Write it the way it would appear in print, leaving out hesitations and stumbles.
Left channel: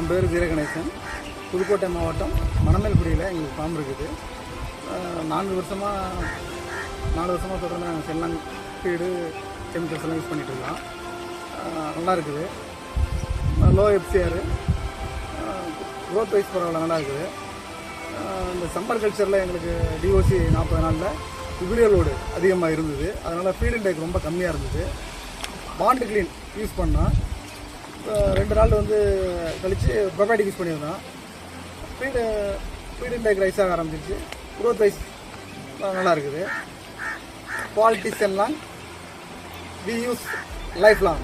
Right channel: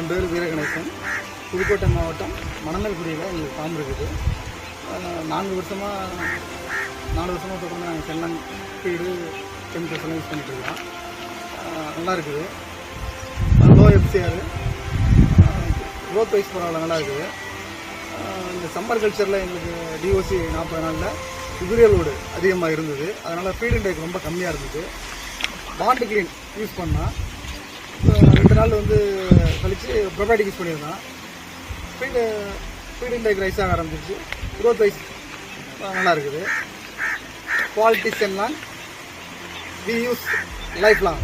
என் பேர் வீரகணேசன். புதுக்கோட்டை மாவட்டம் மணமேல்குடியில் எங்களுக்கு ஃபார்ம் இருக்குது. 4 வருஷமாக தொடர்ந்து நாங்கள் செல்லான் ஃபீடு கெமிக்கல்ஸ் எல்லாம் யூஸ் பண்ணிகிட்ருக்கோம். நல்லா இருக்குது. லோ எஃப்சிஆர், க்ரோத் வைஸ் பரவாயில்ல, நல்லா இருக்குது. இந்த சம்மர் கல்ச்சரில் எங்களுக்கு டிஓசி 40 நாளில் யூரியா லோடு அதிகமாக இருந்தது. அதனால் ஃபீட் இன்டேக் ரொம்ப கம்மியாக இருந்தது. பாண்ட் கிளீன் யூஸ் பண்ணால் 2 நாள் கழித்து ப்ரொபயோட்டிக் யூஸ் பண்ணியிருந்தோம். ஃபீட் இன்டேக் ரைஸ் ஆக ஆரம்பிச்சிருச்சு. க்ரோத் வைஸ் நல்லா இருக்குது. குவாலிட்டி செல்லான் வி யூஸ் லைஃப் லாங்.